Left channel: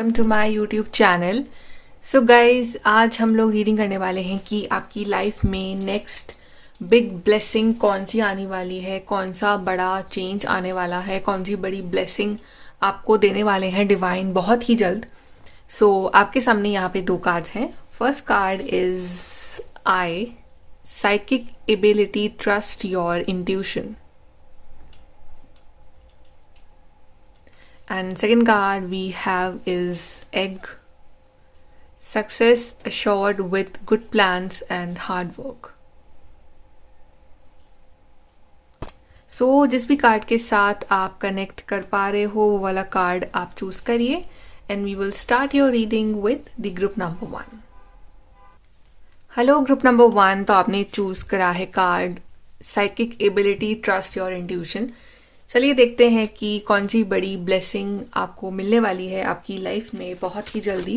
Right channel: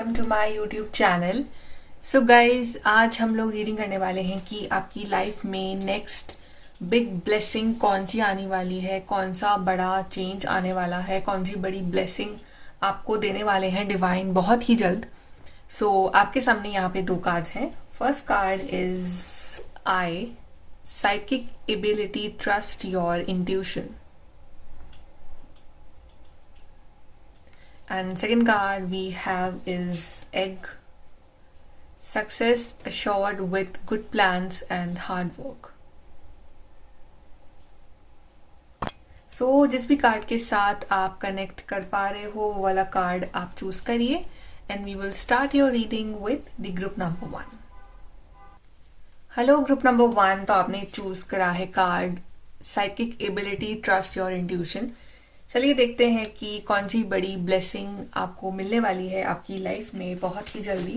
Welcome to my YouTube channel. So guys, आज हम लोग रीडिंग करने वाले हैं कि आपकी लाइफ में नेक्स्ट बिग ब्लेसिंग कौन सी आने वाली है, कौन सा बड़ा चेंज आने वाला है, कौन सी बड़ी ब्लेसिंग आपको देने वाले हैं डिवाइन बहुत ही जल्द। आपके सामने यहाँ पे दो कार्ड्स हैं। First card is I, psychic ability, trust your intuition. And second card we have is egg, success assured with good plans and hard work. जिस भी कार्ड के साथ आप कनेक्ट कर पा रहे हो वो वाला कार्ड आप चूज करिए and we will start your reading with the group number 1। Hello group number 1, तो आपने चूज करा है card psychic ability, trust your intuition. चलिए देखते हैं कि कौन सी बड़ी ब्लेसिंग आपको मिलने वाली है आपकी लाइफ में बहुत ही जल्दी।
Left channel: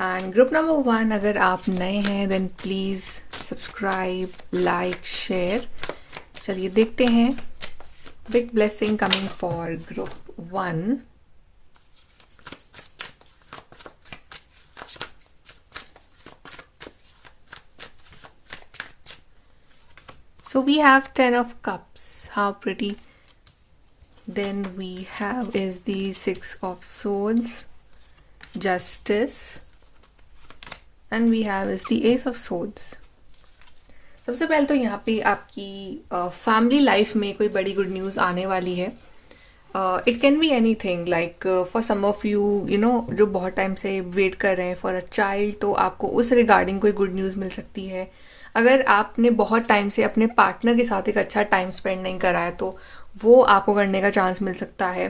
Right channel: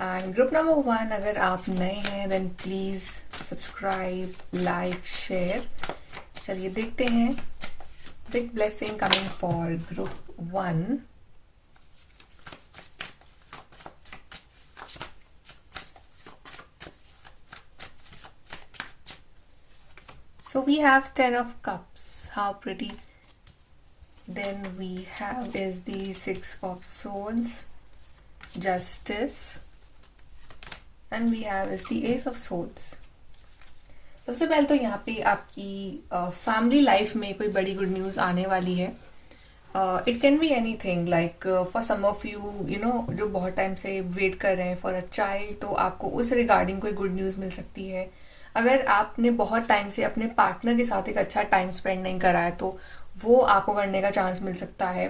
एंड ग्रुप नंबर 1, अगर आप नए हैं then please subscribe, like, share. चलिए देखते हैं big blessing coming for group 1। So we have 10 of cups. How pretty. Then we have is the 6 of swords, justice, and we have is the ace of swords. सबसे पहले तो यहाँ पे आपकी family life में कोई बड़ी गुड न्यूज़ आने वाली है। It can be anything, like for some of you know जो बहुत टाइम से वेट कर रहे हैं फॉर अ चाइल्ड, तो आपको उस रिगार्डिंग कोई गुड न्यूज़ मिल सकती है। अगर आपने बहुत टाइम से अपने पार्टनर के साथ एक अच्छा टाइम स्पेंड नहीं करा है तो वो आपको करने का चांस मिल सकता है,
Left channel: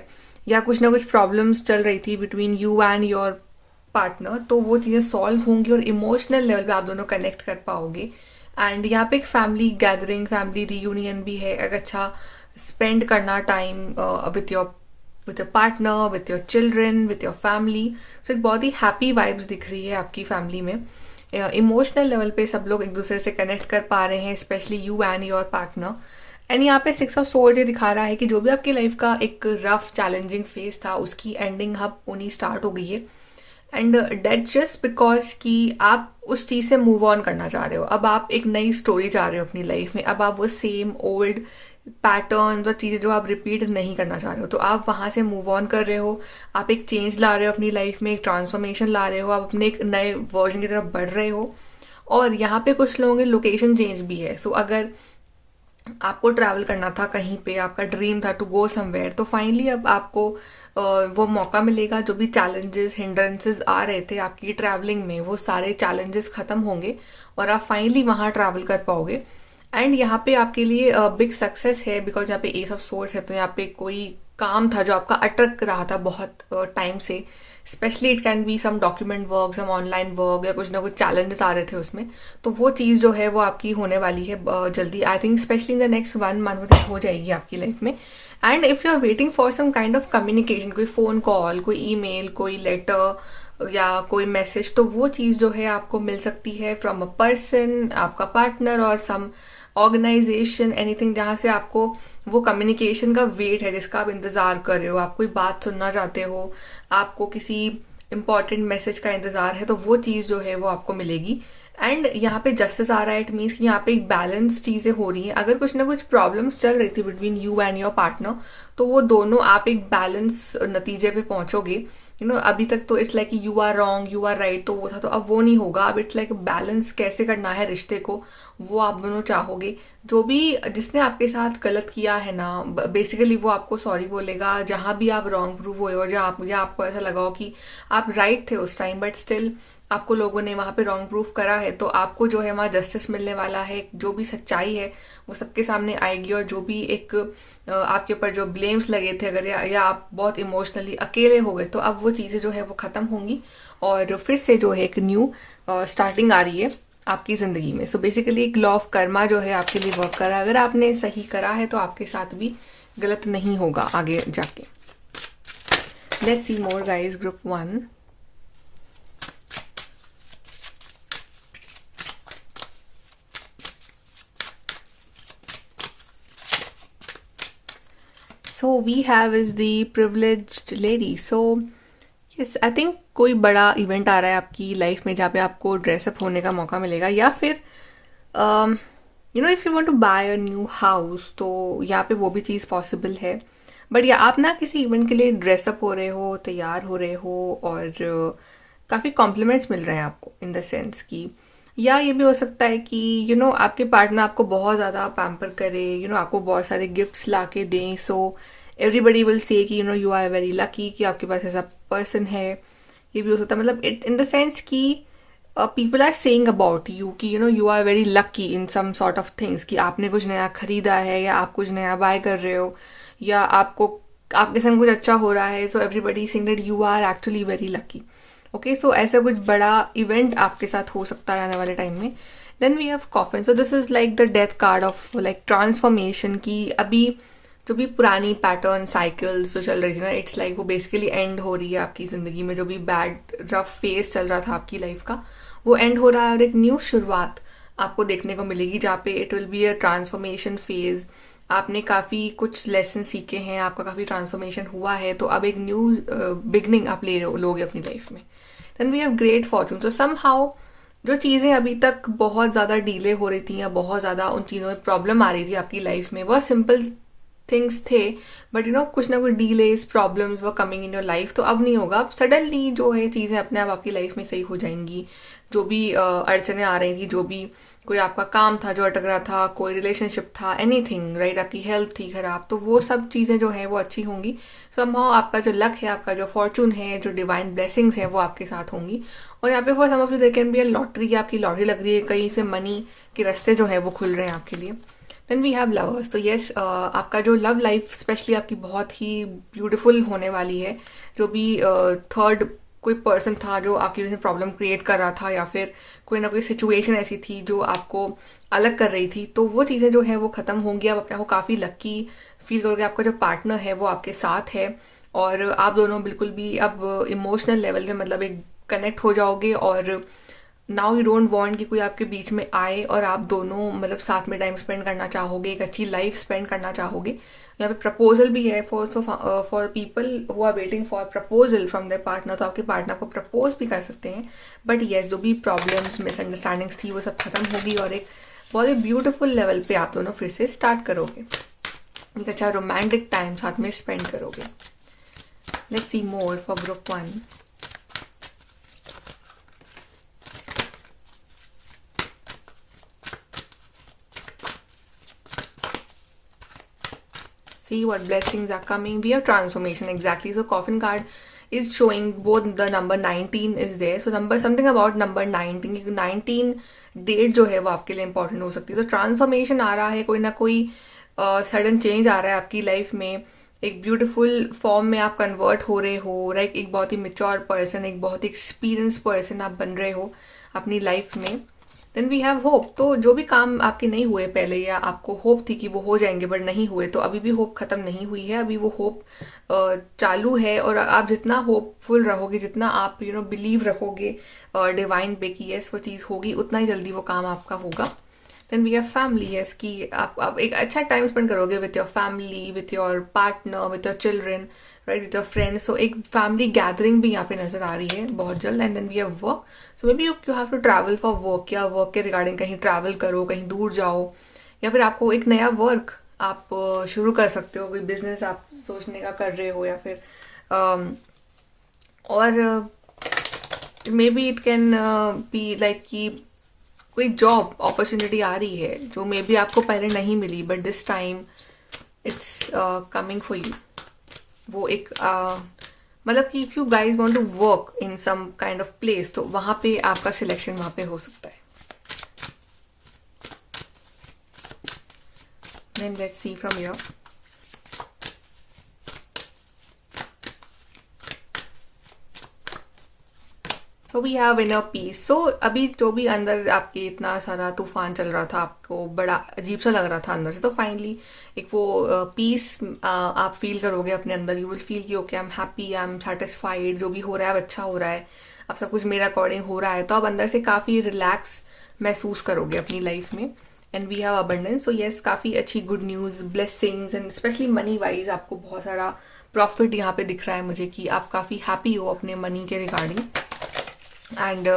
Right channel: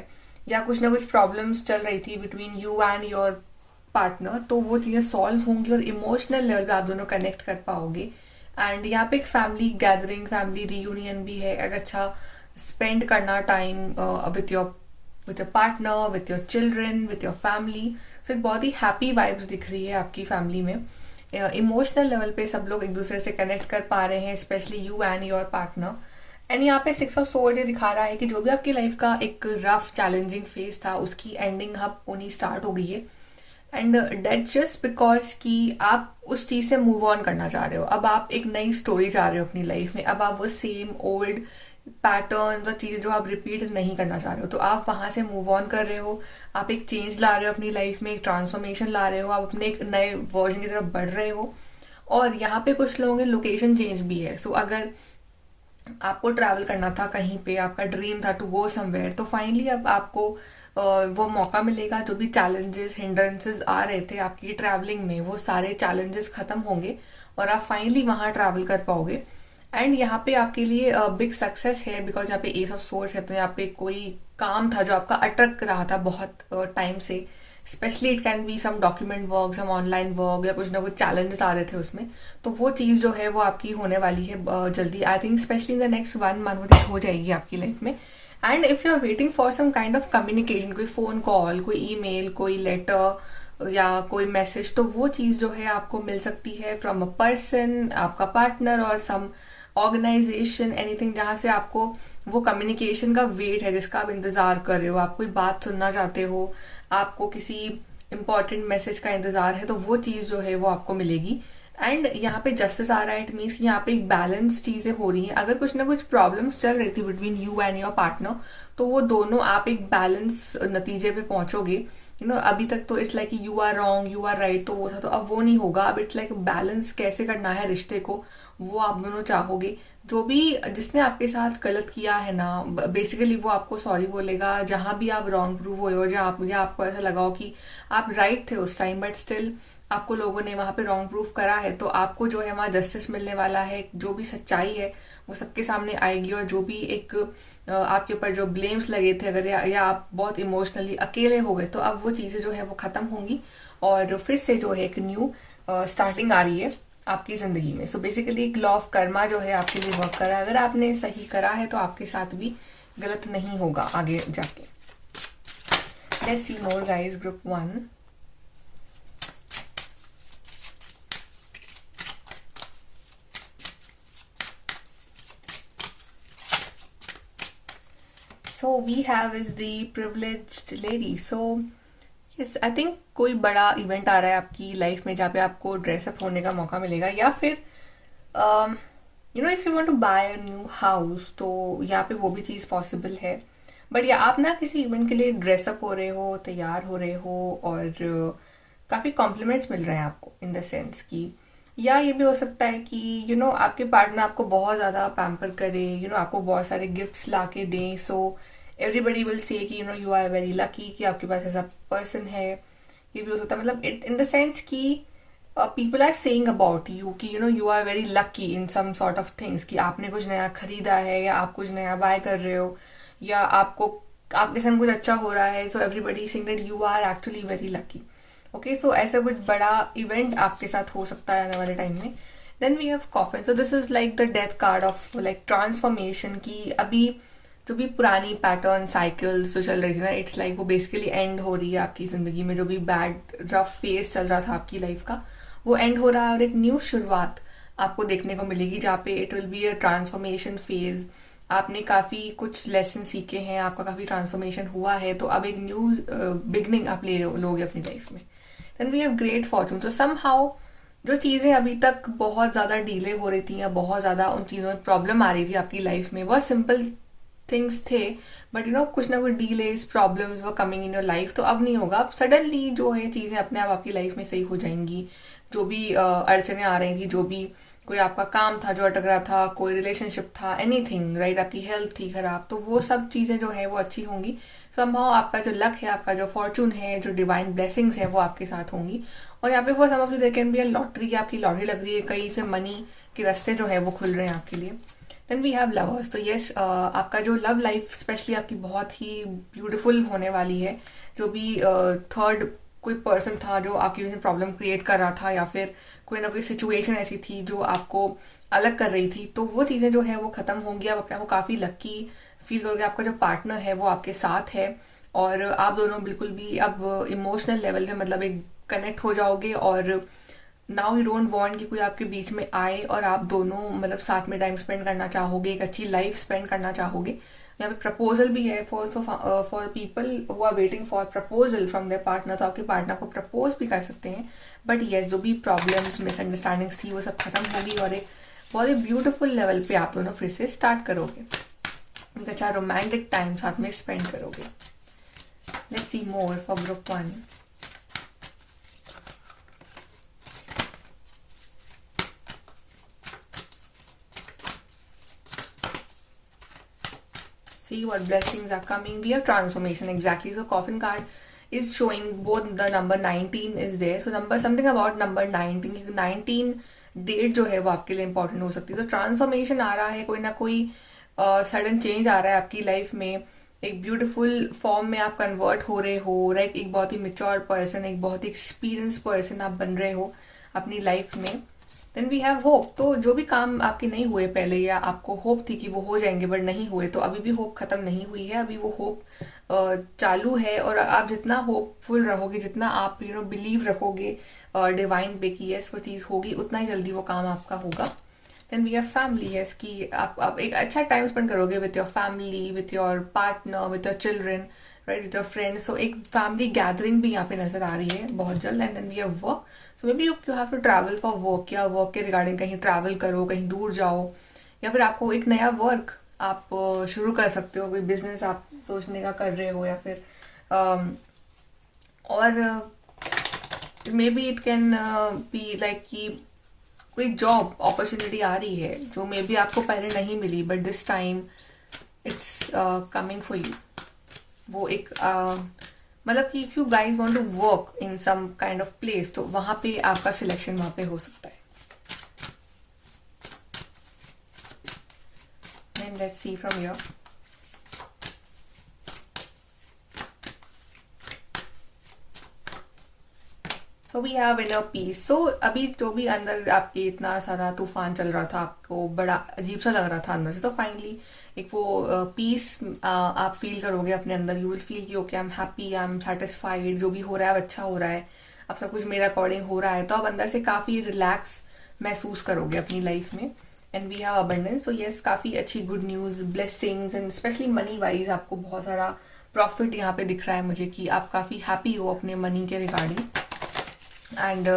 या कुछ ना कुछ प्रॉब्लम्स चल रही थी between you and your partner, तो वो चीज़ें सॉल्व होंगी और इमोशनल लेवल पे आप दोनों कनेक्ट कर पाओगे। एंड यहाँ पे एक फैमिली गैदरिंग, फैमिली रीयूनियन भी है। एक अच्छा स्पेंड करना time with your partner, with your children, with your family. So एक बहुत ही हैप्पी वाइब्स दिख रही है आपकी फैमिली में। इमोशनल लेवल पे सब लोग एक दूसरे से कनेक्ट कर पा रहे हैं, specially you and your partner. And यहाँ पे 6 ऑफ सोर्ड्स ये दिखा रहा है कि जो भी आपकी लाइफ का एक रफ चैलेंजिंग फेज था उसकी एंडिंग अब होनी स्टार्ट हो गई है। एंड डेट जस्ट बिकॉज कि आप उस चीज़ से मूव ऑन करना चाह रहे हो। अब आप एक नई स्टोरी चाह रहे हो अपनी लाइफ में। अब आप वो सेम ओल्ड पैटर्न्स और चीज़ें जो आप रिपीट नहीं करना चाह रहे हो, तो आप वहाँ से मूव ऑन कर रहे हो। आप एक चेंज ला रहे हो अपनी लाइफ में, एक ट्रांसफॉर्मेशन ला रहे हो, आप अपने एक नए वर्जन की तरफ बढ़ रहे हो। और यहाँ पे कुछ लोगों के लोकेशन चेंज भी है। अगर आपको ट्रैवल करना था कहीं पे, आपका ड्रीम था टू गो समवेयर, तो फाइनली अब आपको वो मौका मिलेगा। जो भी चैलेंजेस, हिंड्रेंसेस आ रहे थे आपकी ट्रैवलिंग में, वो सारे चैलेंजेस खत्म होंगे और आप फाइनली वहाँ ट्रैवल कर पाओगे। एंड यहाँ पे आपके लिए बिग सक्सेस है बिकॉज यहाँ पे एस ऑफ सोर्स है। तो यहाँ पे कोई काम था जो आपका अटक रहा था बहुत टाइम से, specially it can be some document work, some online work, या कुछ ना कुछ चैलेंजेस आ रहे थे उसमें, तो वो चीज़ जो है वो आपकी होने वाली है जल्दी। I think specially in the next 1 month हो जाएगी आपकी लाइफ में। And if you are waiting for some kind of communication, कोई फ़ोन कॉल, कोई ईमेल, कोई लेटर या कोई मैसेज, तो वो चीज़ जो है आपको मिल सकती है फ्रॉम अ पर्सन, आपका पार्टनर और सम ऑर्गेनाइजेशन, एनीथिंग, जहाँ से आपको वो कम्युनिकेशन का वेट है जिसका आप इंतज़ार कर रहे हो। आप कोई बात सुनना चाहते हो, आपको किसी इंपॉर्टेंट मैसेज का इंतज़ार है, तो वो चीज़ जो है वो आपको मिलेगी। एंड यहाँ पे जस्टिस आ रहा है। इट मीन्स कि यहाँ पे एक बैलेंस चीज़ें हो रही हैं। अगर कुछ ना कुछ प्रॉब्लम्स चल रही थी between you and your partner, तो वो दोनों आप एक बैलेंस नतीजे पे पहुंचोगे। अभी तक तो it's like you are wrong, you are right, तो वो था, तो अब वो नहीं होगा। अब इट्स लाइक बैलेंस कैसे करना है रिश्ते को, वो आप दोनों चाहोगे। जो भी जिसने आपके साथ गलत किया है ना, बेसिकली वो आपको सॉरी बोलेगा। जहाँ भी आप रॉन्ग प्रूव हुए हो, जहाँ आपको ऐसा लगा हो कि आप राइट थे उस टाइम बट स्टिल आपको लोगों ने वहाँ पे रॉन्ग प्रूफ करा है, तो आपको जो है वहाँ जस्टिस मिलने वाला है। जो भी सच्चाई है वो सबके सामने आएगी। और जो भी एक आपके ऊपर जो ब्लेम्स लगे थे, अगर या आप बहुत इमोशनली अकेले हो गए, तो अब वो चीज़ें जो है वो ख़त्म होंगी और फिर से जो है एक न्यू स्टार्टिंग आ रही है आपकी ज़िंदगी में। बेसिकली एक लॉ ऑफ कर्मा जो है आपके लिए वर्क करा है। अगर आपने सही करा है तो आपके साथ भी गलत नहीं होगा आगे जाके। Let's see more guys, group 1। So we have is the privileged lady. So yes, I think कोई बड़ा इवेंट आ रहा है आपकी लाइफ में जहाँ पे आपको ड्रेसअप होने का मौका मिलेगा, या फिर if you want to buy a new house, तो यहाँ पे वो भी चीज़ पॉसिबल है। बट या आप ना किसी इवेंट के लिए ड्रेसअप हो रहे हो, तैयार हो रहे हो, और काफ़ी कॉम्प्लीमेंट्स मिल रहे हैं आपको, इन द सेंस कि, या ये भी हो सकता है कि आपके पार्टनर आपको बहुत ज़्यादा पैम्पर करे, आपको बहुत सारे गिफ्ट्स ला के दें, सो एवरीबडी विल से कि यू आर वेरी लकी कि आपके पास ऐसा पर्सन है। ये भी हो सकता है, मतलब इट इन द सेंस कि people are saying about you कि you are very lucky in some sort of things, कि आपने कुछ नया खरीदा है, या आप कुछ नया बाय कर रहे हो, या आपको आपके संग कुछ अच्छा हो रहा है, so everybody saying that you are actually very lucky. Okay, so ऐसा कुछ बड़ा इवेंट आपके साथ हो सकता है आने वाले टाइम में। Then we have coffin, so this is like the death card of like transformation, की अभी जो भी पुरानी पैटर्न साइकिल्स जो चल रही थी ना, इट्स लाइक वो बेसिकली एंड हो रही है आपकी ज़िंदगी में। जो भी बैड रफ फेज चल रहा था आपकी लाइफ का, वो एंड हो रहा है, और एक न्यू शुरुआत आपको देखने को मिलेगी जहाँ पे it will be a transformation phase. आपने काफ़ी कुछ लेसन सीखे हैं, आपका काफ़ी ट्रांसफॉर्मेशन हुआ है, तो अब एक न्यू बिगनिंग आप लोगे अपनी लाइफ में। Then we have great fortune, so somehow जो चीज़ें अभी तक बहुत ज़्यादा डिले हो रही थी, या बहुत ज़्यादा उन चीज़ों में प्रॉब्लम आ रही थी आपकी लाइफ में, बहुत सिंपल थिंग्स थे, बट कुछ ना कुछ delays problems were coming in your life, तो अब नहीं होगा। अब सडनली जो है चीज़ें अपने आप आपकी लाइफ में सही हो जाएंगी। जो भी अड़चने आ रही थी, जो भी कोई आपका काम था जो अटक रहा था, कोई रिलेशनशिप था, एनीथिंग राइट, आपकी हेल्थ थी खराब, तो वो सब चीज़ें जो है वो अच्छी होंगी। समहाउ आपका जो लक है, आपका जो फॉर्चून है, जो डिवाइन ब्लेसिंग्स है, वो आपके साथ होंगी। और यहाँ पे for some of you there can be a lottery, आपकी लॉटरी लग रही है, कहीं से मनी के रास्ते जो है वो खुल रहे हैं आपके लिए। देन वी हैव लवर्स, तो येस, आपका जो लव लाइफ स्पेशली आपकी बहुत ही ब्यूटीफुल होने वाली है। जो भी थर्ड कोई पर्सन था जो आपकी वजह से प्रॉब्लम क्रिएट कर रहा था, या फिर कोई ना कोई सिचुएशन ऐसी थी जो आपको अलग कर रही थी, तो वो चीज़ें जो है वो ख़त्म होंगी। आप अपने आप को काफ़ी लकी फील करोगे, आपका जो पार्टनर है वो आपके साथ है, और आप दोनों बिल्कुल भी अब इमोशनल लेवल पे मतलब एक कनेक्ट हो जाओगे। और नाउ यू डोंट वांट कि कोई आपके बीच में आए, और आप दोनों मतलब साथ में टाइम स्पेंड करना चाहोगे, एक अच्छी लाइफ स्पेंड करना चाहोगे। यहाँ पे प्रपोजल भी है for people who are waiting for proposal from their partner, तो आपके पार्टनर को प्रपोज भी कर सकते हैं। बट येस, जो भी प्रॉब्लम्स मिसअंडरस्टैंडिंग्स थी वो सब खत्म होगी, और एक बहुत ही ब्यूटीफुल लेवल पे आप दोनों फिर से स्टार्ट करोगे, एक अच्छा रोमांटिक टाइम साथ में स्पेंड करोगे। Let's see more for group 1। See what blessings are coming. We have transformation, exactly. So coffin card is showing both the number 19 is there. So number something about number 19, 19 date जो है वो आपके लिए important हो सकती है। तो transformation आ रहा है, कोई ना कोई सडन चेंज आ रहा है आपकी लाइफ में। एक ब्यूटीफुल फॉर्म में आप कन्वर्ट हो रहे हो, राइट। एक बहुत ही मेच्योर पर्सन, एक बहुत ही एक्सपीरियंस पर्सन आप बन रहे हो अपनी लाइफ में। देन वी हैव होप, तो जो भी काम आपके नहीं हुए पहले, या आपको होप थी कि वो हो जाएंगे बट नहीं हुए, तो अभी भी होप खत्म नहीं हुई है, अभी वो होप चालू है। और आप जितना होपफुल रहोगे, जितना आप बिलीव रखोगे डिवाइन पे कि यस वो चीज़ होगी, उतना ही जल्दी वो काम आपका होगा। Then we have family, yes कि आप एक अच्छा टाइम स्पेंड करोगे with your family, with your partner, with your children, right, with your friends. So एक फैमिली गैदरिंग भी यहाँ पे नजर आ रही है बहुत जल्द। And then we have work, so maybe you have to travel for work, या वर्क के रिगार्डिंग कहीं ट्रैवल करो, कहीं दूर जाओ, या फिर आपको एक नया वर्क आप शुरू कर सकते हो, कोई बिजनेस आप सोचने का कर रहे हो, या फिर और may be it can be like कि कोई जॉब अपॉर्चुनिटी आ रही है जो मे बी आपको पहले नहीं मिली, but this time it's coming for you. वो एक मतलब कि if you guys want to work in some kind of place, तो वहां पे आपका सिलेक्शन वहां पे हो सकता है। Then let's see from here. So we have inner peace. So अभी जो भी अंदर आपके इतना सारा तूफान चल रहा था, आपको बड़ा अजीब सा लग रहा था अंदर से, तो फाइनली एक वो पीस आप फील करोगे अपने अंदर। यू विल फील कि okay I am happy, I am satisfied, जो भी हो रहा है अच्छा हो रहा है, अब सब कुछ मेरे अकॉर्डिंग हो रहा है, तो आप अंदर से काफ़ी रिलैक्स महसूस करोगे अपनी लाइफ में। And we have abundance, so yes काफ़ी अच्छी good news, blessings, and specially money wise आपको बहुत सारा प्रॉफिट यहाँ पे दिख रहा है मुझे कि आप काफ़ी हैप्पी हो अपने मनी के regarding, and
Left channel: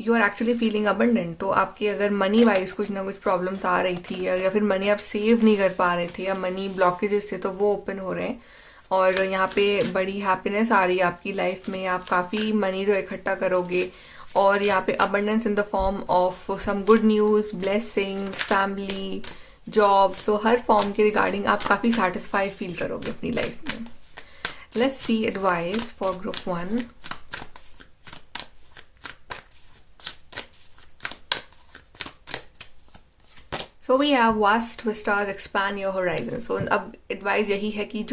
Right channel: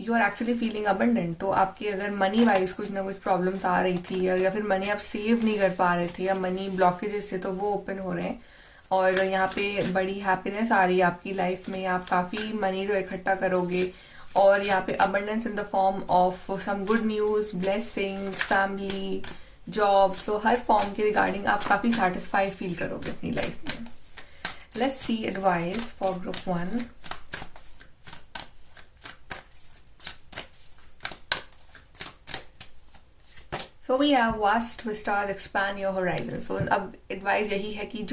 you are actually feeling abundant. तो आपके अगर मनी वाइज कुछ ना कुछ प्रॉब्लम्स आ रही थी, या फिर मनी आप सेव नहीं कर पा रहे थे, या मनी ब्लॉकेजेस थे, तो वो ओपन हो रहे हैं। और यहाँ पे बड़ी हैप्पीनेस आ रही है आपकी लाइफ में, आप काफ़ी मनी जो इकट्ठा करोगे। और यहाँ पे abundance in the form of some good news, blessings, family, job, so हर फॉर्म के रिगार्डिंग आप काफ़ी सेटिस्फाई फील करोगे अपनी लाइफ में। Let's see advice for group 1। So we have vast vistas, expand your horizon. So अब एडवाइस यही है कि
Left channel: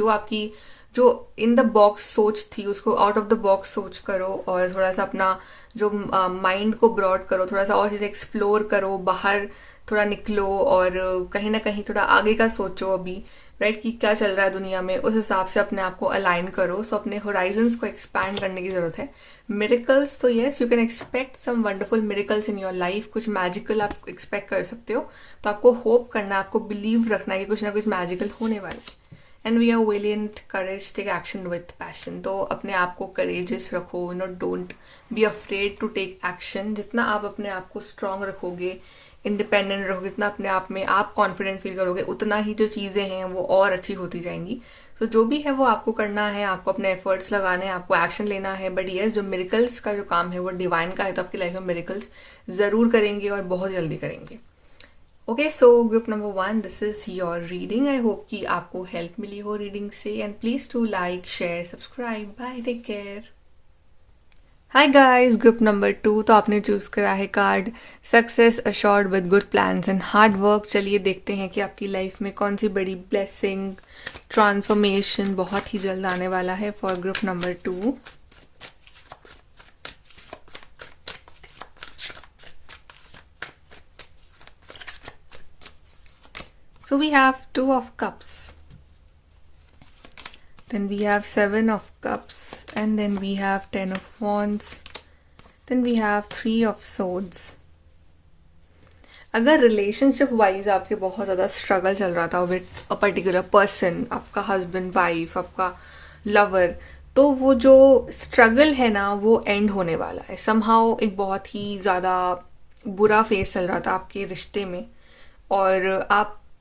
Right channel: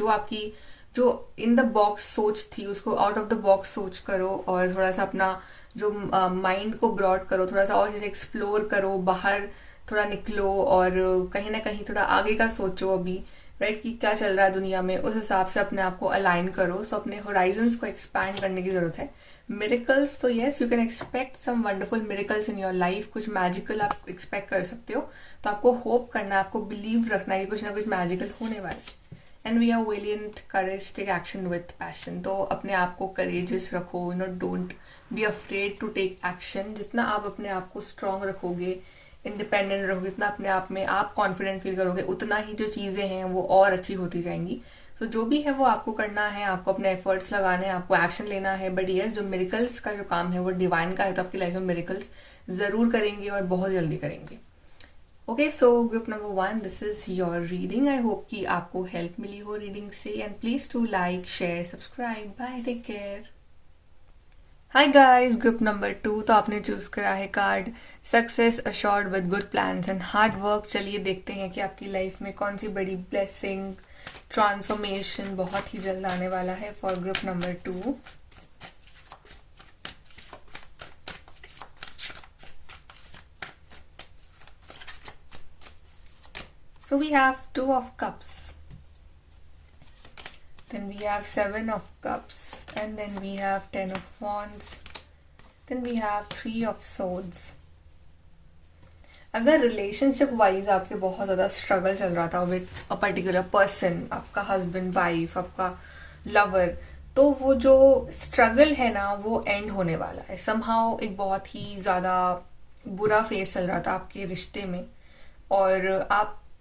जो इन द बॉक्स सोच थी उसको आउट ऑफ द बॉक्स सोच करो, और थोड़ा सा अपना जो माइंड को ब्रॉड करो, थोड़ा सा और चीज़ें एक्सप्लोर करो, बाहर थोड़ा निकलो, और कहीं ना कहीं थोड़ा आगे का सोचो अभी, राइट, कि क्या चल रहा है दुनिया में, उस हिसाब से अपने आप को अलाइन करो। सो अपने होराइजन्स को एक्सपैंड करने की ज़रूरत है। मिरेकल्स, तो yes, you can expect some wonderful miracles in your life, कुछ मैजिकल आप एक्सपेक्ट कर सकते हो। तो आपको होप करना है, आपको बिलीव रखना है कि कुछ ना कुछ मैजिकल होने वाला है। And we are valiant courage, take action with passion. तो अपने आप को करेजियस रखो, don't be afraid to take action. जितना आप अपने आप को स्ट्रांग रखोगे, इंडिपेंडेंट रहोगे, जितना अपने आप में आप कॉन्फिडेंट फील करोगे, उतना ही जो चीज़ें हैं वो और अच्छी होती जाएंगी। तो जो भी है वो आपको करना है, आपको अपने एफर्ट्स लगाने हैं, आपको एक्शन लेना है। बट यस, जो मिरेकल्स का जो काम है वो डिवाइन का है, तो आपकी लाइफ में मिरेकल्स ज़रूर करेंगे और बहुत जल्दी करेंगे। Okay, so group number 1, this is your reading. I hope कि आपको हेल्प मिली हो रीडिंग से, and please to like, share, subscribe. Bye, take care. Hi guys, group number 2। तो आपने चूज करा है card success assured with good plans and hard work. चलिए देखते हैं कि आपकी लाइफ में कौन सी बड़ी ब्लेसिंग, ट्रांसफॉर्मेशन बहुत ही जल्द आने वाला है for group number 2। So we have 2 of cups, then we have 7 of cups, and then we have 10 of wands, then we have 3 of swords. अगर रिलेशनशिप वाइज आपके बहुत ज़्यादा स्ट्रगल चल रहा था विद अ पर्टिकुलर पर्सन, आपका husband, wife, आपका lover, तो वो जो स्ट्रगल है ना वो एंड होने वाला है। समहाउ एक बहुत ही ज़्यादा बुरा फेस चल रहा था आपके रिश्ते में, और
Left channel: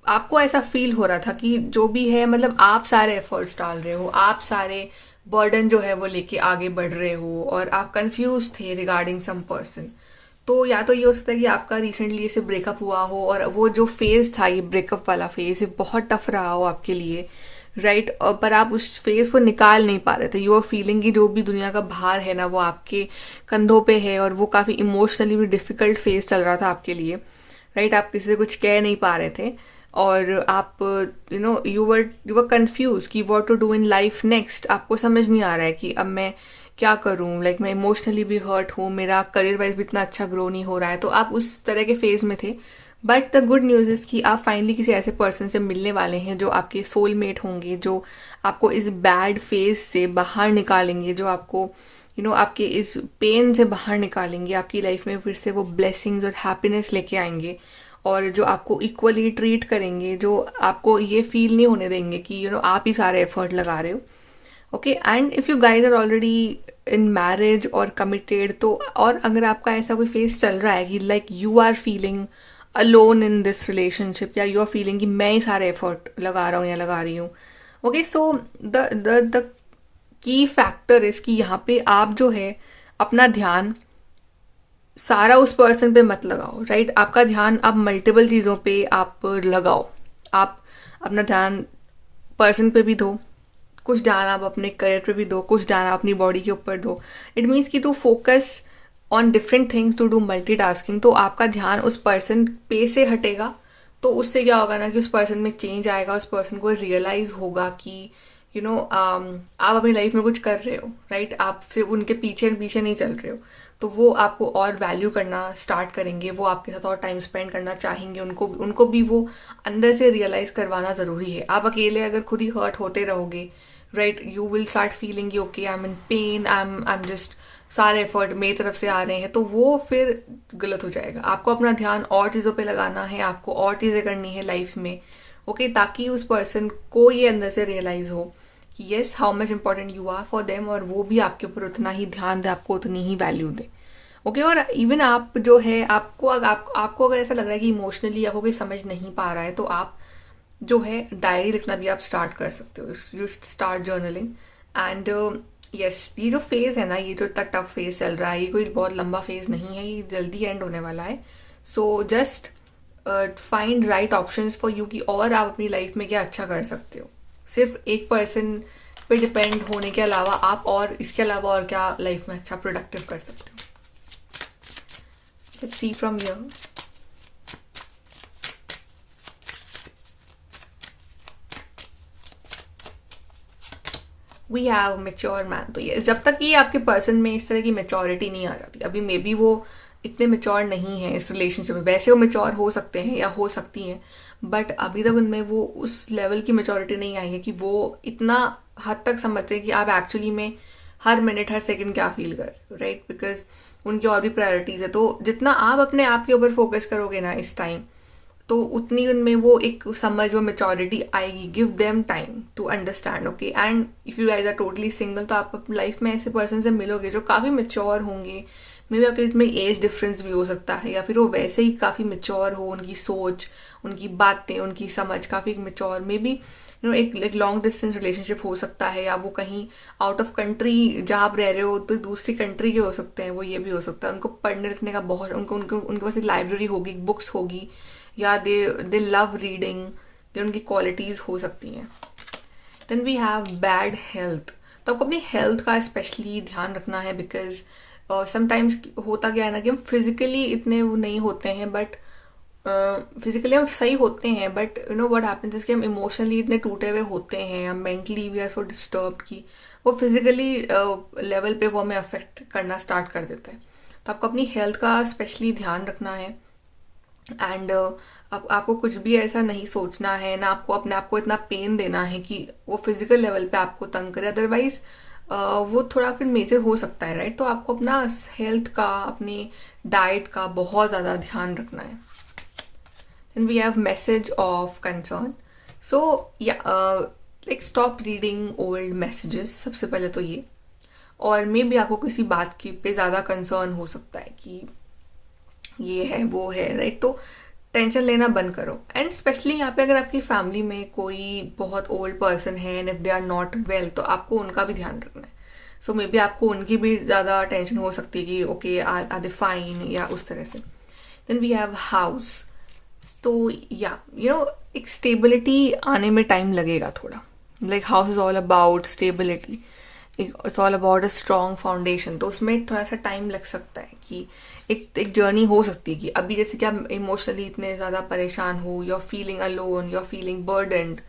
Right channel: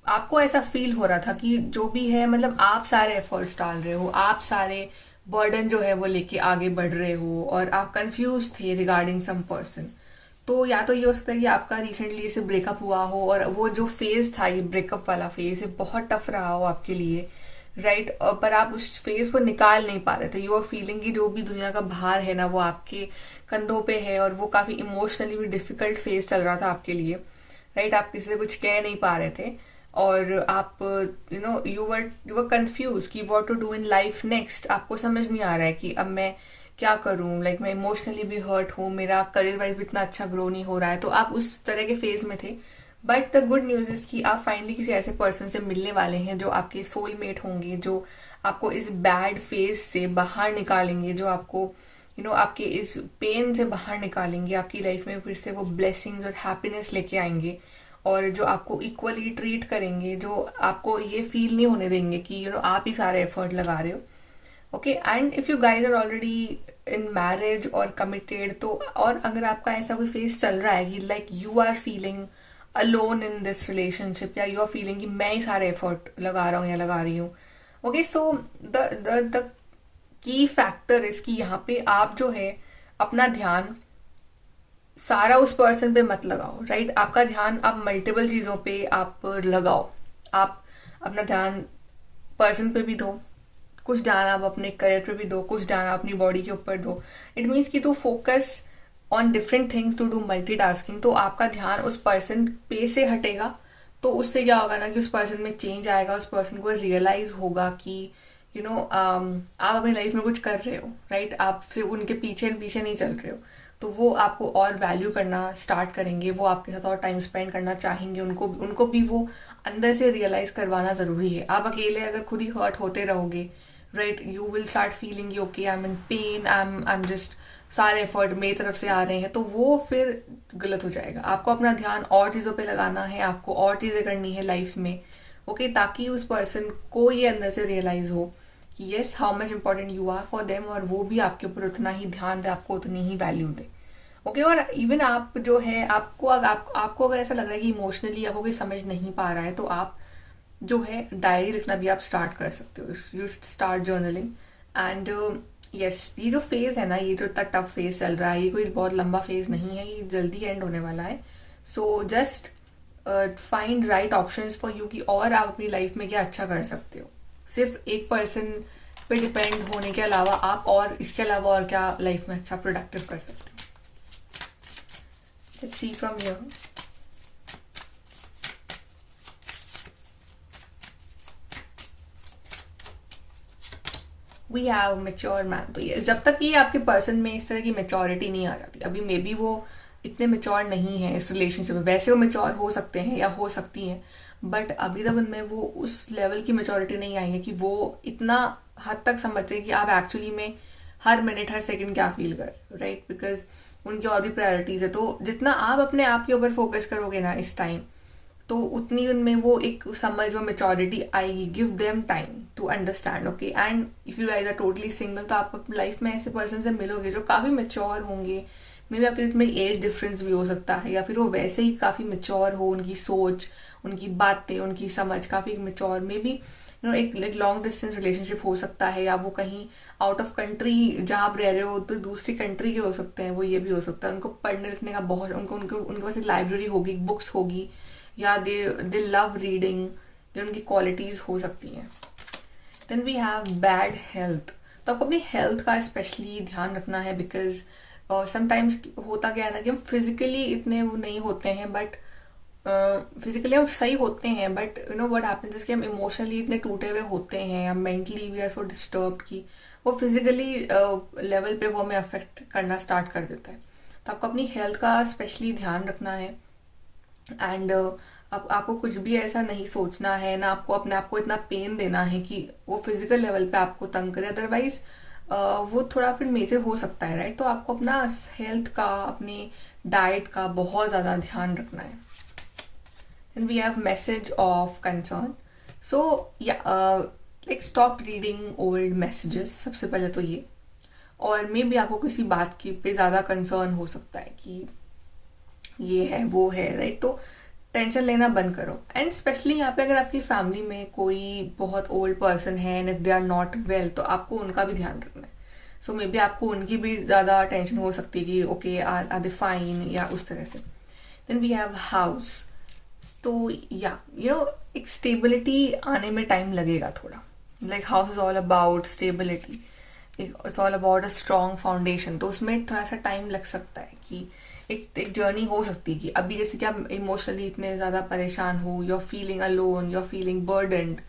आपको ऐसा फील हो रहा था कि जो भी है, मतलब आप सारे एफर्ट्स डाल रहे हो, आप सारे बर्डन जो है वो लेके आगे बढ़ रहे हो, और आप कंफ्यूज थे रिगार्डिंग सम पर्सन। तो या तो ये हो सकता है कि आपका रिसेंटली इसे ब्रेकअप हुआ हो, और वो जो फेज था, ये ब्रेकअप वाला फेज, ये बहुत टफ रहा हो आपके लिए, राइट, पर आप उस फेज को निकाल नहीं पा रहे थे। यू आर फीलिंग कि जो भी दुनिया का भार है ना वो आपके कंधों पे है, और वो काफ़ी इमोशनली भी डिफिकल्ट फेज चल रहा था आपके लिए, राइट। आप किसी से कुछ कह नहीं पा रहे थे, और आप यू वर कंफ्यूज कि what to do in life next. आपको समझ नहीं आ रहा है कि अब मैं क्या करूं, लाइक मैं इमोशनली भी हर्ट हूँ, मेरा करियर वाइज भी इतना अच्छा ग्रो नहीं हो रहा है। तो आप उस तरह के फेज में थे। But the good news is कि आप फाइनली किसी ऐसे पर्सन से मिलने वाले हैं जो आपके सोलमेट होंगे, जो आपको इस बैड फेज से बाहर निकालेंगे, जो आपको आपके इस पेन से बाहर निकालेंगे, आपकी लाइफ में फिर से वो ब्लेसिंग्स और हैप्पीनेस लेके आएंगे, और जो आपको इक्वली ट्रीट करेंगे, जो आपको ये फील नहीं होने देंगे कि आप ही सारे एफर्ट लगा रहे हो। Okay, and if you guys are already in marriage और कमिटेड, तो और अगर आपका ऐसा कोई फेस चल रहा है कि like you are feeling alone in this relationship, या यू आर फीलिंग कि मैं ही सारे एफर्ट लगा रहा हूँ या लगा रही हूँ, okay, so the key factor is कि यहाँ पे आप जो है अपना ध्यान सारा उस पर्सन पे मत लगाओ, राइट। आपका ध्यान आप मल्टीपल चीज़ों पे आप लगाओ। आप अपना ध्यान पर्सन पे भी दो, कुछ ध्यान आप अपने करियर पे भी दो, कुछ ध्यान आप अपनी बॉडी के ऊपर दो। इट मीन्स कि to focus on different things, to do multitasking. तो आपका ध्यान उस पर्सन पे से हटेगा, तो उससे क्या होगा ना कि उस पर्सन में चेंज आएगा, उस पर्सन को रियलाइज होगा कि आप अपनी लाइफ में कुछ कर रहे हो, राइट। आप सिर्फ उनके पीछे पीछे नहीं चल रहे हो, तो वो आपको और वैल्यू करना स्टार्ट करेंगे, वो आपके साथ और टाइम स्पेंड करना चाहेंगे। उनको भी वो अंदर से रियलाइज करवाना ज़रूरी है। आप अकेले अगर खुद ही हर्ट होते रहोगे, right, you will start feeling okay, I M in pen, I am just, सारे एफर्ट मेरी तरफ से आ रहे हैं, तो वो फिर गलत हो जाएगा। आपको अपना ध्यान और चीज़ों पे लगाना है, आपको और चीज़ें करनी है लाइफ में, ओके, ताकि उस पर्सन को ये अंदर से रियलाइज़ हो कि yes how much important you are for them, और वो भी आपके ऊपर उतना ही ध्यान दे, आपको उतनी ही वैल्यू दे। ओके और इवन आप जो है आपको अगर ऐसा लग रहा है कि इमोशनली आपको कोई समझ नहीं पा रहा है, तो आप जो है डायरी लिखना भी आप स्टार्ट कर सकते हो। You start journaling and yes, ये जो फेज़ है ना, ये जो इतना टफ फेज़ चल रहा है, ये कोई बहुत लंबा फेज़ नहीं है, ये जल्दी एंड होने वाला है। So just find right options for you कि और आप अपनी लाइफ में क्या अच्छा कर सकते हो। सिर्फ एक पर्सन पे डिपेंड होने के अलावा आप और इसके अलावा और क्या लाइफ में अच्छा प्रोडक्टिव कर सकते हो। Let's see from here. We have mature man. तो ये जब तक ये आपके पर्सन में इस तरह की मेच्योरिटी नहीं आ जाती, अभी मे बी वो इतने मेच्योर नहीं है इस रिलेशनशिप में, वैसे वो मेच्योर हो सकते हैं या हो सकती हैं, बट अभी तक उनमें वो उस लेवल की मेच्योरिटी नहीं आई है कि वो इतना हद तक समझते कि आप एक्चुअली में हर मिनट हर सेकंड क्या फील कर रहे हो, राइट? बिकॉज उनकी और भी प्रायोरिटीज़ है। तो जितना आप अपने आप के ऊपर फोकस करोगे ना इस टाइम, तो उतनी उनमें वो एक समझ, वो मेच्योरिटी आएगी। Give them time to understand. Okay and if you guys are totally single, तो आप अपनी लाइफ में ऐसे पर्सन से मिलोगे जो काफ़ी मेच्योर होंगे। मे बी आपके में एज डिफरेंस भी हो सकता है, या फिर वो वैसे ही काफ़ी मेच्योर हो, उनकी सोच, उनकी बातें, उनकी समझ काफ़ी मेच्योर। मे बी एक लॉन्ग डिस्टेंस रिलेशनशिप हो सकता है, या वो कहीं आउट ऑफ कंट्री जहाँ आप रह रहे हो तो दूसरी कंट्री के हो सकते हैं, वो ये भी हो सकता है। उनको पढ़ने लिखने का बहुत, उनके पास एक लाइब्रेरी होगी, बुक्स होगी, या दे लव रीडिंग, ये उनकी क्वालिटीज़ हो सकती हैं। Then we have bad health. तो आपको अपनी हेल्थ का स्पेशली ध्यान रखना है, बिकॉज समटाइम्स होता क्या है ना कि हम फिजिकली इतने वो नहीं होते हैं, बट फिजिकली हम सही होते हैं, but you know what happens is कि हम इमोशनली इतने टूटे हुए होते हैं, हम mentally we are so disturb कि वो फिजिकली लेवल पे वो हमें अफेक्ट करना स्टार्ट कर देता है। तो आपको अपनी हेल्थ का स्पेशली ध्यान रखना है। एंड अब आपको कुछ भी ऐसा नहीं सोचना है ना, आपको अपने आप को इतना पेन देना है कि वो फिजिकल लेवल पे आपको तंग करे, अदरवाइज वो थोड़ा फिर मेजर हो सकता है, राइट? तो आपको अपना हेल्थ का, अपनी डाइट का बहुत ज़्यादा ध्यान रखना है। Then we have message of concern. So या like stop reading old messages, सबसे पहले तो ये। और मे बी आपको किसी बात की पे ज़्यादा कंसर्न हो सकता है कि ये है वो है, राइट? तो टेंशन लेना बंद करो। एंड स्पेशली यहाँ पे अगर आपकी फैमिली में कोई बहुत ओल्ड पर्सन है and if they are not well, तो आपको उनका भी ध्यान रखना है। सो मे बी आपको उनकी भी ज़्यादा टेंशन हो सकती है कि ओके आर दे फाइन, या उस तरह से। Then we have house. तो या एक स्टेबिलिटी आने में टाइम लगेगा थोड़ा। Like house is all about stability, it's all about a strong foundation. तो उसमें थोड़ा सा टाइम लग सकता है कि एक जर्नी हो सकती है कि अभी जैसे कि आप इमोशनली इतने ज़्यादा परेशान हो, you are feeling alone, you are feeling burdened,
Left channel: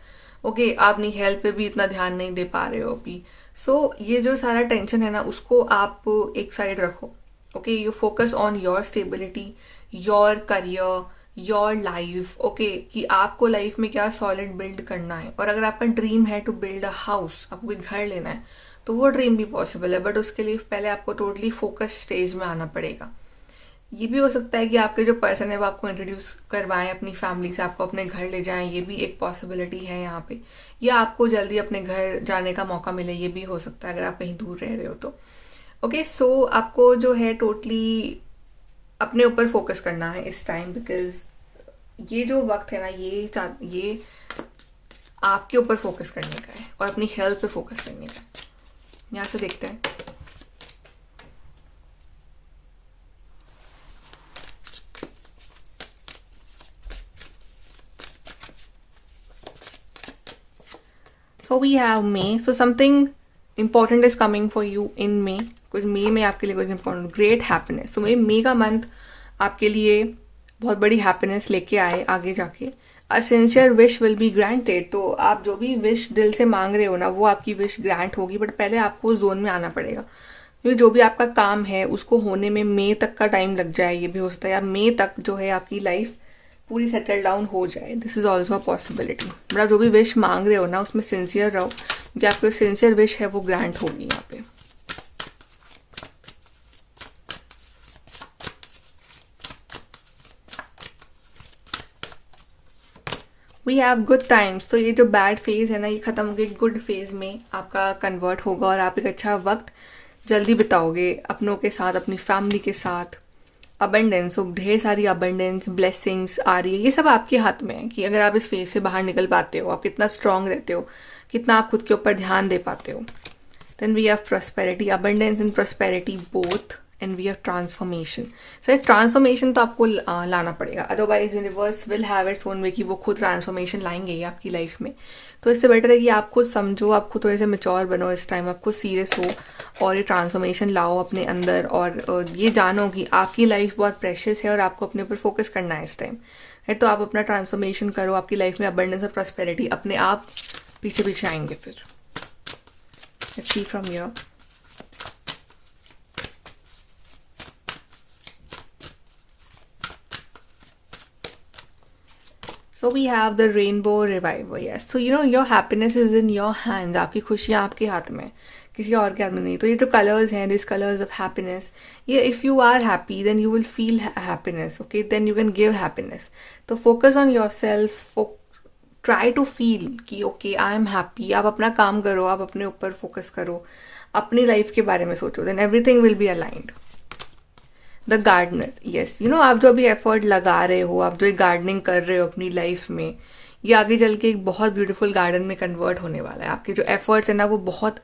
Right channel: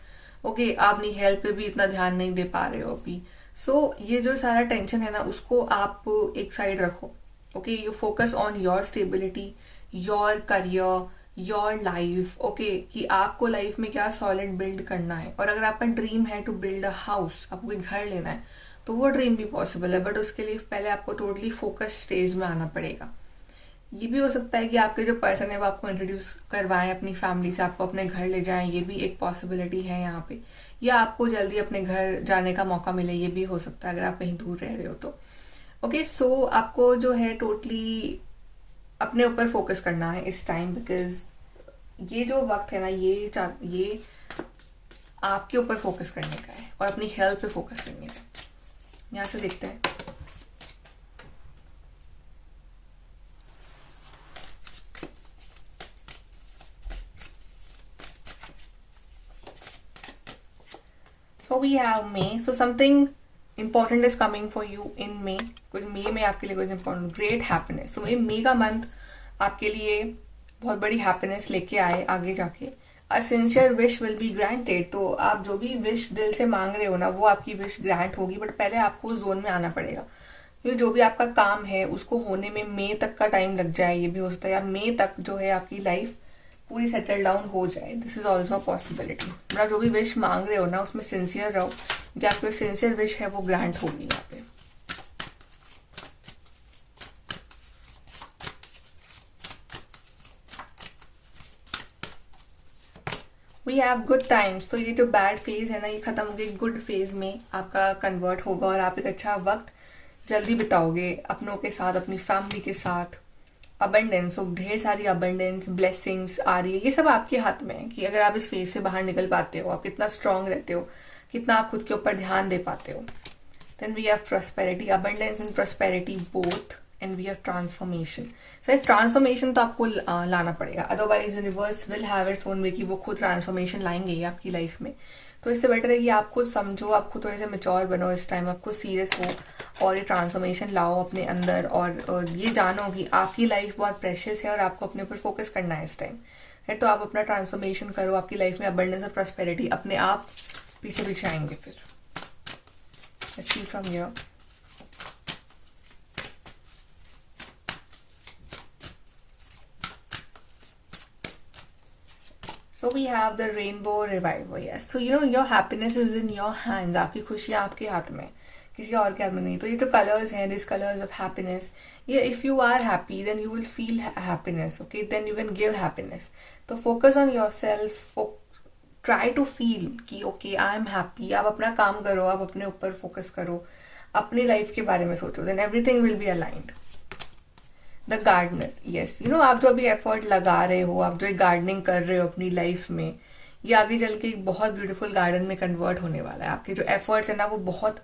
okay, आप अपनी हेल्थ पे भी इतना ध्यान नहीं दे पा रहे हो अभी। सो ये जो सारा टेंशन है ना, उसको आप एक साइड रखो। Okay, you focus on your stability, your career, your life. Okay, कि आपको लाइफ में क्या सॉलिड बिल्ड करना है। और अगर आपका ड्रीम है टू बिल्ड अ हाउस, आपको कोई घर लेना है, तो वो ड्रीम भी पॉसिबल है, बट उसके लिए पहले आपको टोटली फोकस स्टेज में आना पड़ेगा। ये भी हो सकता है कि आपके जो पर्सन है वो आपको इंट्रोड्यूस करवाएं अपनी फैमिली से, आपको अपने घर ले जाएं, ये भी एक पॉसिबिलिटी है यहाँ पे। या आपको जल्दी अपने घर जाने का मौका मिले, ये भी हो सकता है अगर आप कहीं दूर रह रहे हो तो। ओके, सो आपको जो है टोटली अपने ऊपर फोकस करना है इस टाइम, बिकॉज ये जो वक्त है ना, ये आपके ऊपर फोकस करने का है और अपनी हेल्थ पे फोकस करने का है। यहाँ से देखते हैं। So we have May. So something important is coming for you in May. कुछ May में आपके लिए कुछ important, great happiness. So May का मंथ आपके लिए बहुत बड़ी हैप्पीनेस लेके आए आगे जाके। अ sincere wish will be granted. तो आप जो भी विश दिल से मांग रहे हो ना, वो आपकी विश ग्रांट होगी, बट पहले आपको जोन में आना पड़ेगा, क्योंकि जो भी आपका काम है उसको होने में मई तक का टाइम लग जाए, ये भी हो सकता है, या मई तक जो है आपकी लाइफ पूरी सेटल डाउन हो जाए। This is also a possibility. But आप जो भी विश मांग रहे हो ना, उसमें सिंसियर रहो, क्योंकि आपकी सिंसियर विश है वो ग्रांट होगी यहाँ पे। वी हैव गुड टाइम्स, तो ये जो बैड फेज है ना ये खत्म होकर गुड फेज में आपका कन्वर्ट होगा और आप एक अच्छा वक्त जल्दी बिताओगे अपनों के साथ, अपनी फैमिली के साथ। अबंडेंस, ढेर सारी अबंडेंस, ब्लेसिंग्स आ रही है, ये सब आपके हाथ में है कि अगर आप इस फेज से बाहर निकल पाते हो, आप कितना स्ट्रांग रहते हो, कितना आप खुद के ऊपर ध्यान दे पाते हो। Then we have prosperity, abundance and prosperity both, and we have transformation. So transformation तो आपको लाना पड़ेगा, otherwise universe will have its own way कि वो खुद ट्रांसफॉर्मेशन लाएंगे ही आपकी लाइफ में। तो इससे बेटर है कि आप खुद समझो, आप खुद थोड़े से मेच्योर बनो, इस टाइम आप खुद सीरियस हो और ये ट्रांसफॉर्मेशन लाओ अपने अंदर, और ये जानो कि आपकी लाइफ बहुत प्रेशियस है और आपको अपने ऊपर फोकस करना है इस टाइम, है। तो आप अपना ट्रांसफॉर्मेशन करो, आपकी लाइफ में अबंडेंस और प्रॉस्पेरिटी अपने आप पीछे पीछे आएंगे फिर। Let's see from here. So we have the rainbow revival, yes. So you know your happiness is in your hands. आपकी खुशियाँ आपके हाथ में, किसी और के हाथ में नहीं। तो ये जो कलर्स हैं, दिस कलर्स ऑफ हैप्पीनेस, ये if you are happy then you will feel happiness, okay, then you can give happiness. तो focus on yourself, try to feel कि ओके आई एम हैप्पी। आप अपना काम करो, आप अपने ऊपर फोकस करो, अपनी लाइफ के बारे में सोचो, then everything will be aligned. The gardener, yes, you know आप जो अभी एफर्ट लगा रहे हो, आप जो गार्डनिंग कर रहे हो अपनी लाइफ में, ये आगे चल के एक बहुत ब्यूटीफुल गार्डन में कन्वर्ट होने वाला है। आपके जो एफर्ट्स हैं ना वो बहुत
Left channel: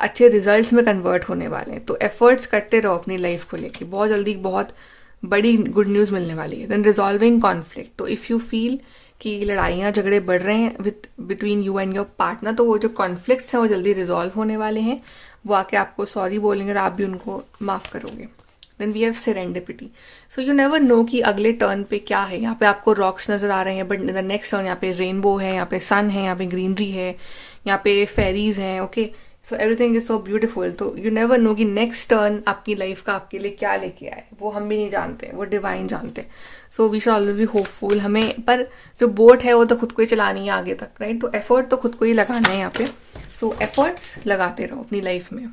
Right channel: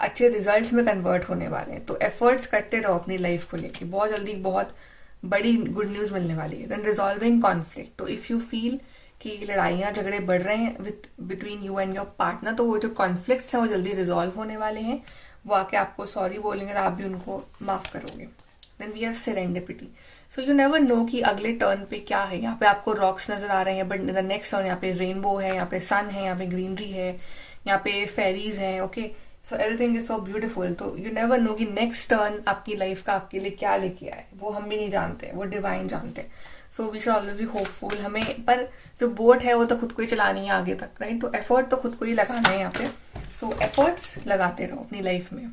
अच्छे रिजल्ट्स में कन्वर्ट होने वाले हैं। तो एफर्ट्स करते रहो अपनी लाइफ को लेके, बहुत जल्दी बहुत बड़ी गुड न्यूज़ मिलने वाली है। देन रिजॉल्विंग कॉन्फ्लिक्ट, तो इफ़ यू फील कि लड़ाइयाँ झगड़े बढ़ रहे हैं width between you and your partner, तो वो जो कॉन्फ्लिक्ट्स हैं वो जल्दी रिजॉल्व होने वाले हैं। वो आके आपको सॉरी बोलेंगे और आप भी उनको माफ़ करोगे। Then we have serendipity, so you never know कि अगले टर्न पे क्या है। यहाँ पे आपको रॉक्स नजर आ रहे हैं, बट द नेक्स्ट टर्न यहाँ पे रेनबो है, यहाँ पे सन है, यहाँ पे ग्रीनरी है, यहाँ पे फेरीज हैं, okay. So everything is so beautiful. तो यू नेवर नो कि नेक्स्ट टर्न आपकी लाइफ का आपके लिए क्या लेके आए, वो हम भी नहीं जानते, वो डिवाइन जानते हैं। So we should always be hopeful. हमें पर जो बोट है वो तो खुद को ही चलानी है आगे तक, राइट। तो एफर्ट तो खुद को ही लगाना है यहाँ पे। सो एफर्ट्स लगाते रहो अपनी लाइफ में।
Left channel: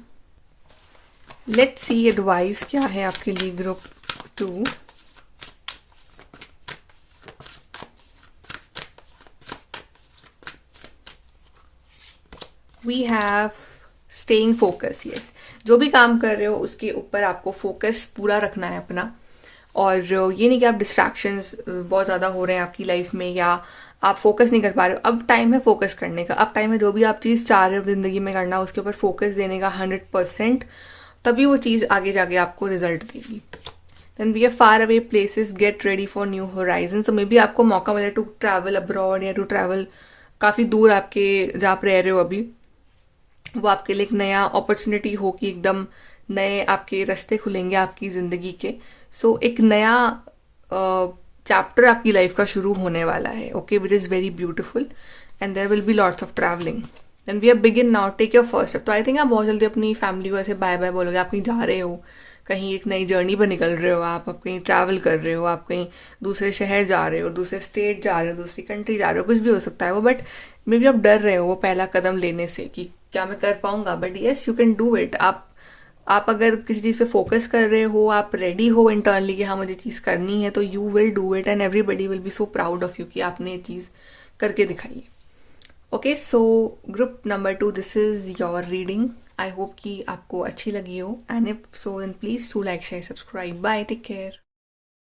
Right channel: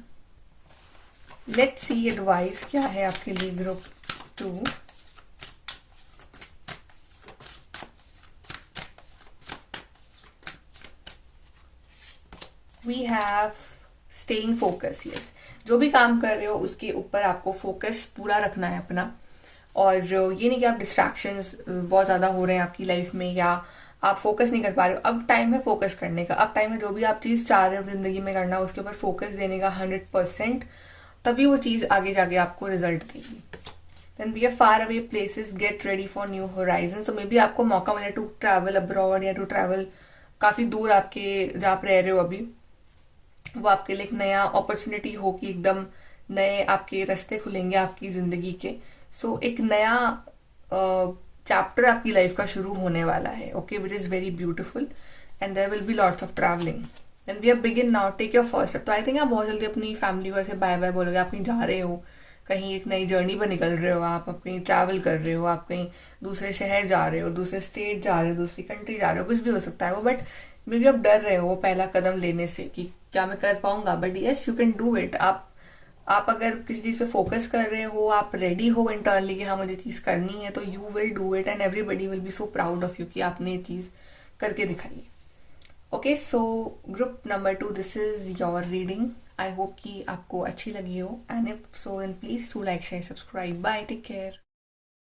लेट्स सी एडवाइस क्या है आपके लिए group 2। We have staying focus, yes. जो भी काम कर रहे हो उसके ऊपर आपको फोकस पूरा रखना है अपना, और ये नहीं कि आप डिस्ट्रैक्शंस बहुत ज़्यादा हो रहे हैं आपकी लाइफ में या आप फोकस नहीं कर पा रहे हो। अब टाइम है फोकस करने का, अब टाइम है जो भी आप चीज़ चाह रहे हो ज़िंदगी में करना उसके ऊपर फोकस देने का 100%, तभी वो चीज़ आगे जाके आपको रिजल्ट देगी। Then we are far away places, get ready for new horizon. तो मे बी आपको मौका मिले टू ट्रैवल अब्रॉड या टू ट्रैवल काफ़ी दूर आपके जहाँ आप रह रहे हो अभी, वो आपके लिए एक नया अपॉर्चुनिटी होगी, एकदम नए आपके रास्ते खुलेंगे आपकी ज़िंदगी के। सो एक नया चैप्टर आपकी लाइफ का शुरू होने वाला है, okay, which is very beautiful, and there will be lots of travelling. And we are begin now, take your first step. तो आई थिंक आप बहुत जल्दी अपनी फैमिली को ऐसे बाय बाय बोलोगे। आप कहीं जा रहे हो, कहीं एक नई जर्नी पर निकल रहे हो, आप कहीं ट्रैवल कर रहे हो, आप कहीं दूसरे शहर जा रहे हो, दूसरे स्टेट जा रहे हो, दूसरी कंट्री जा रहे हो, कुछ भी हो सकता है वो, बट मे बी आप डर रहे हो वो पहला कदम लेने से कि क्या मैं कर पाऊंगा, but yes you can do it. आप अगर किसी चीज़ पे फोकस कर रहे हो, आप रेडी हो इंटरनली कि हाँ मुझे चीज़ करनी है, तो you will do it and everybody will be so proud of you कि आपने ये चीज़ करके दिखाई है। Okay, so group number 2, this is your reading. I hope कि आपको अच्छी लगी हो, and if so then please to like share subscribe. Bye, take care.